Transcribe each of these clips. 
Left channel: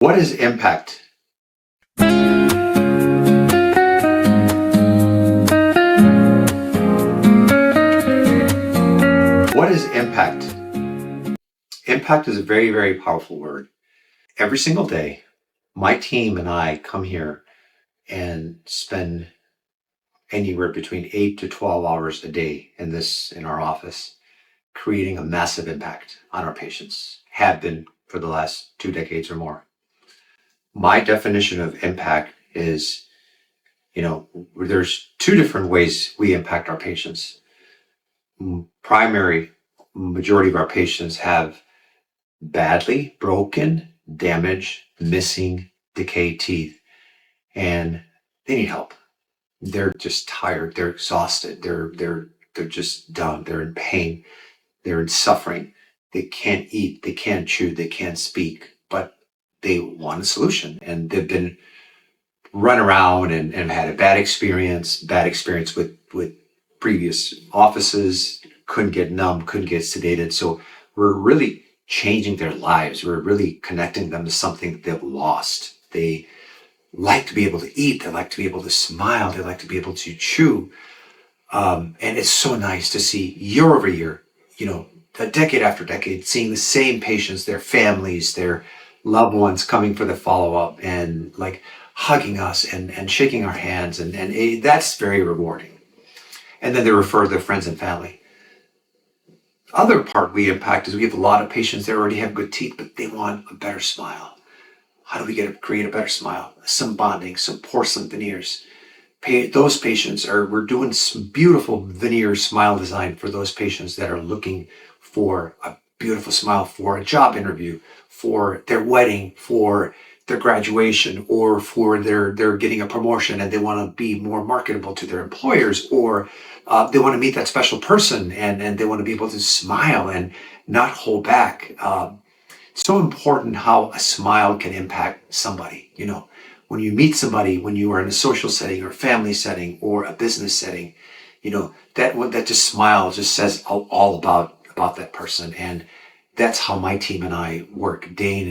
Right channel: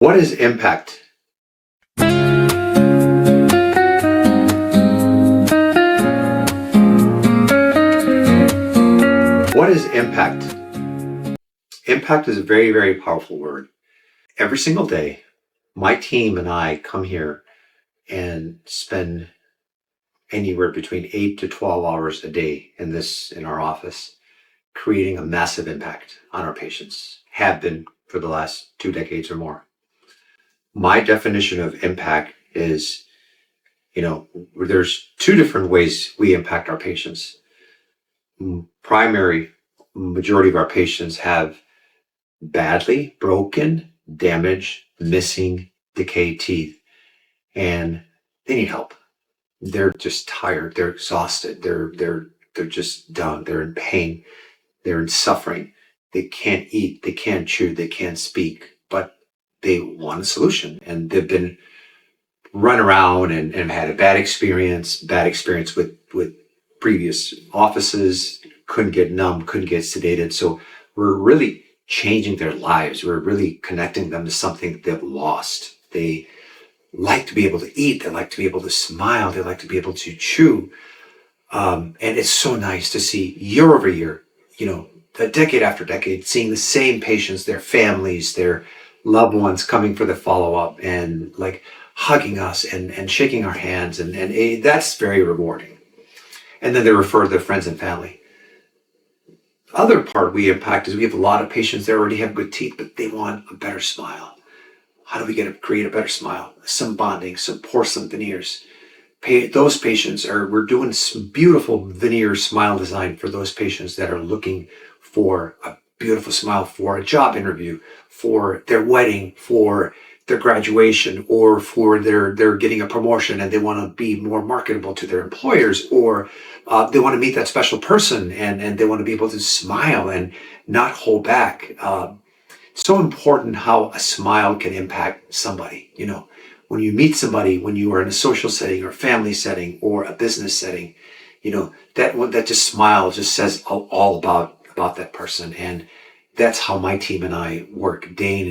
What is impact? What is impact? Impact is a very, very powerful word. Every single day, my team and I come here and spend anywhere between 8 to 12 hours a day in our office, creating a massive impact on our patients, have been for the last 2 decades or more. My definition of impact is, there's 2 different ways we impact our patients. Primary majority of our patients have badly broken, damaged, missing, decayed teeth, and they need help. They're just tired, they're exhausted, they're just done, they're in pain, they're in suffering, they can't eat, they can't chew, they can't speak, but they want a solution, and they've been run around and had a bad experience with previous offices, couldn't get numb, couldn't get sedated. So we're really changing their lives. We're really connecting them to something that they've lost. They like to be able to eat. They like to be able to smile. They like to be able to chew. And it's so nice to see year over year, decade after decade, seeing the same patients, their families, their loved ones coming for the follow-up and like hugging us and shaking our hands. And that's very rewarding. And then they refer their friends and family. Other part we impact is we have a lot of patients that already have good teeth, but they want a better smile. How do we create a better smile? Some bonding, some porcelain veneers. Those patients we're doing some beautiful veneer smile design for those patients that are looking for a beautiful smile for a job interview, for their wedding, for their graduation, or for they're getting a promotion and they want to be more marketable to their employers, or they want to meet that special person and they want to be able to smile and not hold back. So important how a smile can impact somebody. When you meet somebody, when you are in a social setting or family setting or a business setting, that just smile just says all about that person. And that's how my team and I work day in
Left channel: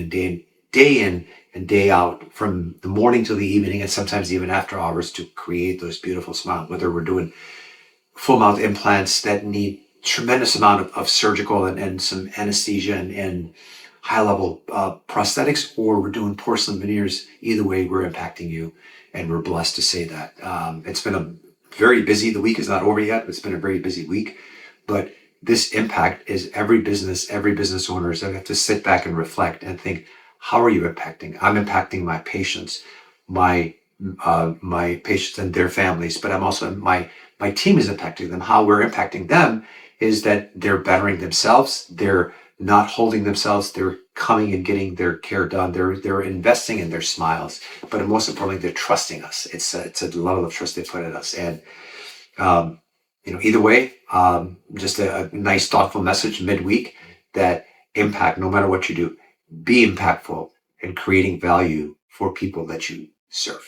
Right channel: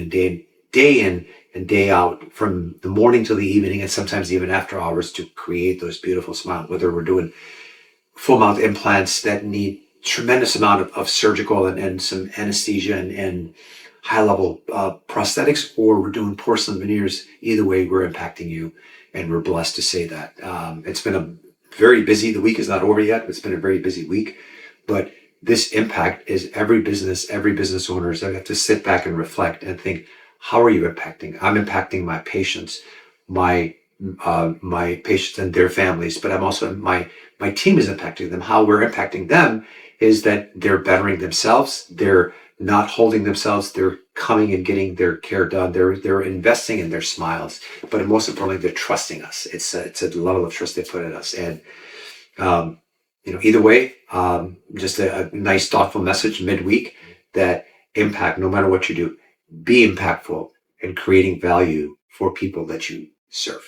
and day out, from the morning till the evening, and sometimes even after hours, to create those beautiful smiles. Whether we're doing full mouth implants that need tremendous amount of surgical and some anesthesia and high level prosthetics, or we're doing porcelain veneers, either way, we're impacting you, and we're blessed to say that. It's been the week is not over yet. It's been a very busy week, but this impact is every business owners that have to sit back and reflect and think, how are you impacting? I'm impacting my patients, my patients and their families, but I'm also, my team is impacting them. How we're impacting them is that they're bettering themselves. They're not holding themselves. They're coming and getting their care done. They're investing in their smiles, but most importantly, they're trusting us. It's a level of trust they put in us. And, either way, just a nice, thoughtful message midweek that impact, no matter what you do, be impactful in creating value for people that you serve.